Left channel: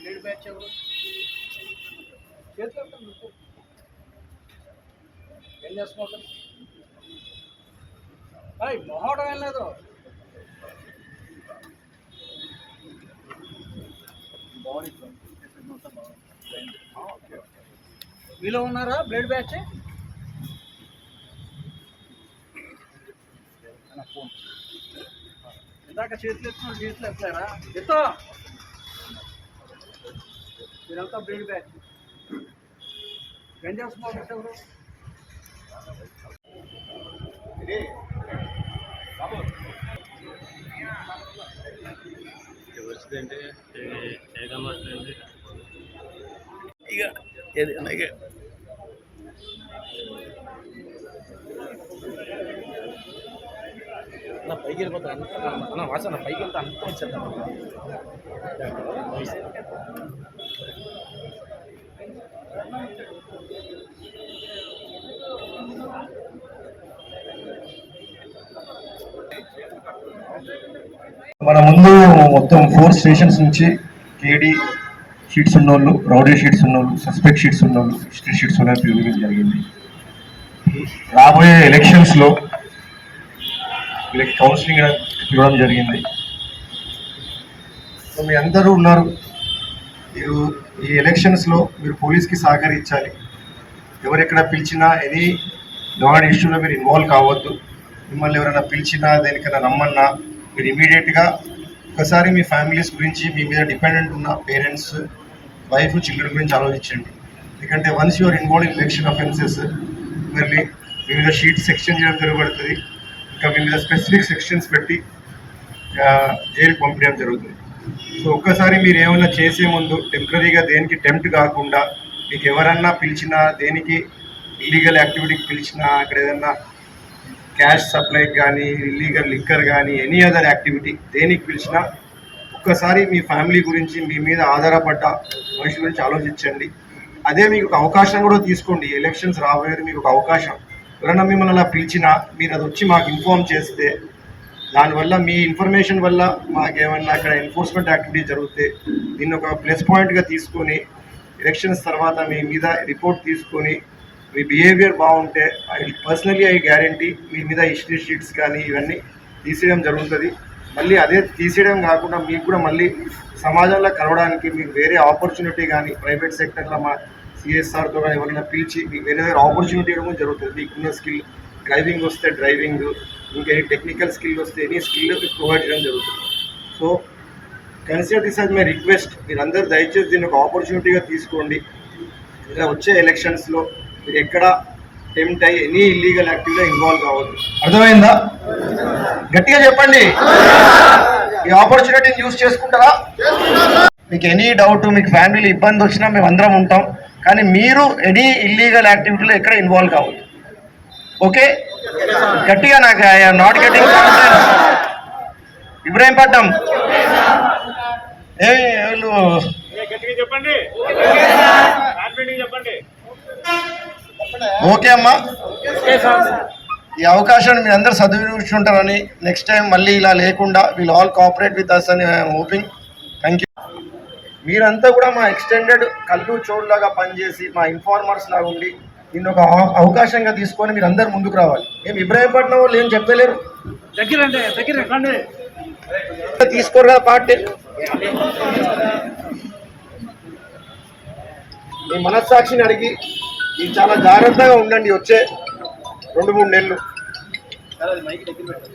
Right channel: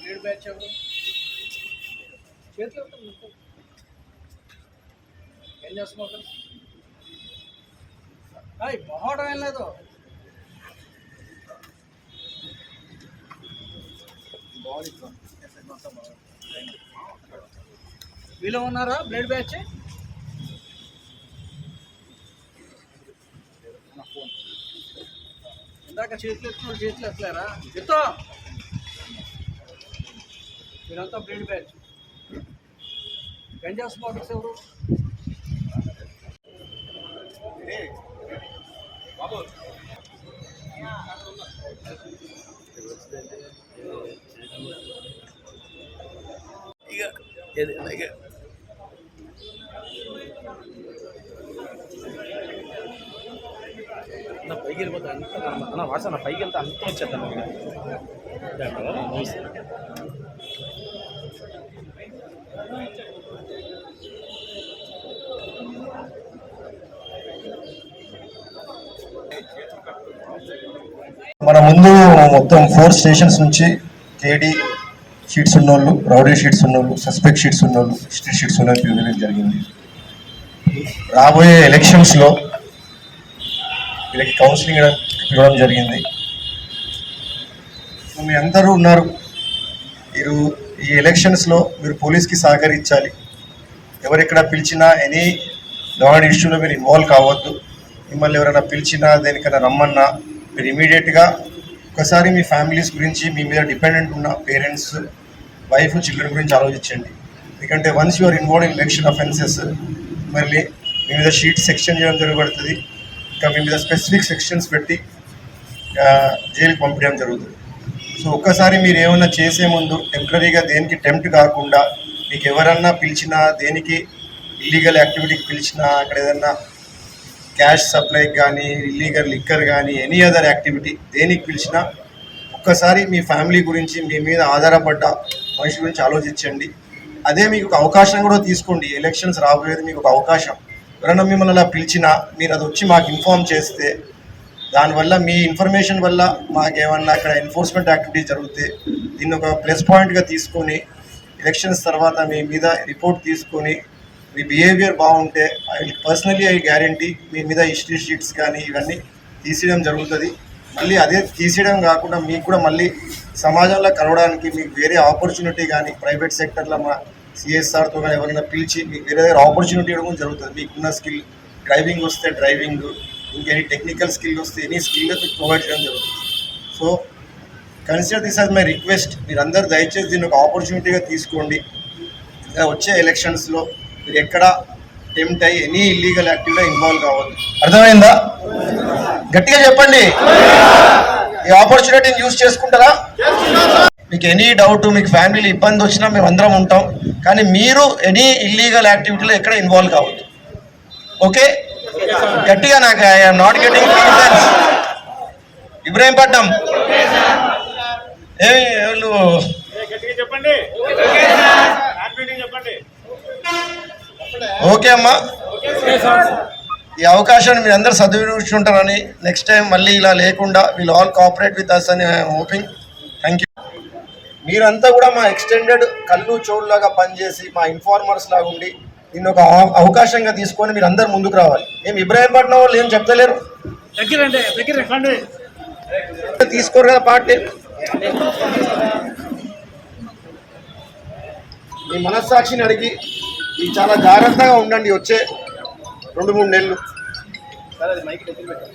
Blade batch ఎవరు చేతిలో ఏం చేస్తున్నావు? మొహడం ఏం లేదు. వీళ్ళు ఉన్నారా బ్లేడ్ బ్యాచ్? ఇందాక చేతులు ఎత్తున్నారు, చేతులు ఎత్తలేరా? ఎత్తో మీరంతా బ్లేడ్ బ్యాచ్. గంజా స్మోకర్స్ ఎవరు? బాబు నా పైకి వెళ్ళిపోతా అన్న వాసన నా పైకి వెళ్తే అంతా వచ్చేద్దాం. మన ముందు మొత్తం 4 స్టేషన్స్ నుంచి కేడీ షీట్స్ ఉన్నోళ్ళు, రౌడీ షీట్స్ ఉన్నోళ్ళు, సస్పెక్ట్ షీట్స్ ఉన్నోళ్ళు, హిస్టరీ షీట్స్ ఉన్నోళ్ళు పిలిపించడం జరిగింది. రాబోయే ఎలక్షన్స్లో వీళ్ళకి కౌన్సిలింగ్ ఇవ్వడం జరిగింది. సో మీ అందరూ ఉన్నారు. మీరు ఈ ఎలక్షన్స్లో మీరు పోలీస్కి సహకరించాలి. ఎవరెక్కడ పిలిచినా ఎనీ గవర్నమెంట్ ఇష్యూలో మీరు ఇన్వాల్వ్ కావద్దు. మిమ్మల్ని ఎవరైనా పిలిచినా దేనికైనా రమ్మన్నా మీరు ఇమీడియట్గా ఒకసారి మీ ఫ్యామిలీస్ గురించి, మీ మీద డిపెండెంట్ ఉన్న పేరెంట్స్, వైఫ్, చిల్డ్రన్ గురించి ఆలోచించండి. ఎందుకంటే once you're involve in election offences మళ్ళీ మీ మీద షీట్స్ సెక్షన్ చేయడం జరగబడుతుంది. ఇంకా మీ మీద స్పెసిఫిక్ సెక్షన్స్ పెట్టి జైలుకి పంపించడం జరుగుతుంది. సో ఒక్కసారి మీరు ఏమైనా చేసే ముందు టెంపరీగా దేనికి టెంప్ట్ కాకుండా, మీకు ఎవరన్నా పిలిచినా, దేనికి ఇల్లీగల్ యాక్టివిటీకి పిలిచినా, అక్కడ ఏదన్నా క్యాష్ సప్లైకి కానీ, ఇల్లీగల్ లిక్కర్ కానీ, ఎనీ అదర్ యాక్టివిటీ దేనికి పిలిచినా ఒక్కసారి మీ ఫ్యామిలీ గురించి, మీ మీద ఆధారపడ్డ మనిషి గురించి ఆలోచించండి. అదే మీకు ఒక అవకాశం కూడా తీసుకోండి. ఎలక్షన్స్ రాబోయేది మీకు ఒక అవకాశం. ఎవరన్నా మిమ్మల్ని అలా పిలిచినా మీరు అది వచ్చి మాకు ఇన్ఫార్మ్ చేస్తే, దానివల్ల మీ ఇన్ఫర్మేషన్ వల్ల మాకేమన్నా ఇక్కడ ఎన్ఫోర్స్మెంట్ యాక్టివిటీ జరిగితే దీన్ని ఒక ప్లస్ పాయింట్గా తీసుకొని ఎలక్షన్స్ తర్వాత మీ మీద రిపోర్ట్ తీసుకొని మీ బిహేవియర్ బాగుంటే ఐ గ్యారంటీ మీ మీద హిస్టరీ షీట్స్ కానీ ఇవన్నీ తీసేయడం జరుగుతుంది. మళ్ళీ అదే తీసేయడం కాకుండా మీకు కూడా మళ్ళీ సమాజంలో కలవడానికి మీకు వేరే ఆపర్చునిటీ కానీ, ప్రైవేట్ సెక్టర్లో మా సిఎస్ఆర్తో కానీ ఎవరైనా పిలిచి మీకు వేరే దగ్గర ఆపర్చునిటీ ఇవ్వడం జరుగుతుంది. మీకున్న స్కిల్, డ్రైవింగ్ వస్తే డ్రైవింగ్, ఇంకెనీ టెక్నికల్ స్కిల్ వస్తే ఎనీ స్కిల్ మీకు ప్రొవైడ్ చేయడం జరుగుతుంది. So consider this as my request. మీరందరూ దయచేసి దీన్ని ఒక ఆపర్చునిటీగా తీసుకోండి. ఇంకా వచ్చే ఎలక్షన్స్లో మీరు ఎక్కడ టెంప్ట్ అయ్యి ఎనీ ఇల్లీగల్ యాక్టివిటీలో ఇన్వాల్వ్ కావద్దు. అర్థమైందా? గట్టిగా చెప్పండి. ఈ ఆపర్చునిటీని యూజ్ చేసుకుంటారా? మీకు ఎనీ డౌట్, మీకు ఫ్యామిలీలో ఇబ్బంది వచ్చినా మేము అందరం ఉంటాం. కానీ మీరు ఎనీ ఇల్లీగల్ యాక్టివిటీలో ఎక్కడ ఇన్వాల్వ్ కావద్దు. ఓకే? గట్టిగా నాకు ఐఎమ్ నాట్ గెటింగ్ ఇబ్రాహీంపట్నం చెప్పండి. ఓకే అమ్మా, ఈ అవకాశాన్ని మీరు అందరూ సద్వినియోగించుకుంటారని, నెక్స్ట్ టైం మళ్ళీ ఇలా లేకుండా will all cooperate with us అని ఐఎమ్ హోపింగ్. Thank you. మీరంతా కూడా మా ఎక్స్టెండెడ్ కళ్ళు చోళ్ళలాగా పనిచేసి మా ఇన్ఫార్మర్స్ లాగా ఉండి దీన్ని ఒక అవకాశంగా తీసుకొని మీరు అందరు ముందుకు రావాలి. ఏం ఇబ్రాహీంపట్నం వాళ్ళు ఏం చెప్తలేరు? తీసుకోరు కదా పార్టీ. మీ మనస్సాక్షిని అడిగి ఈ చాలా జాగ్రత్తగా ఉండండి వచ్చే 2-3 నెలలు. సరే అది మైక్ దగ్గర పెట్టు.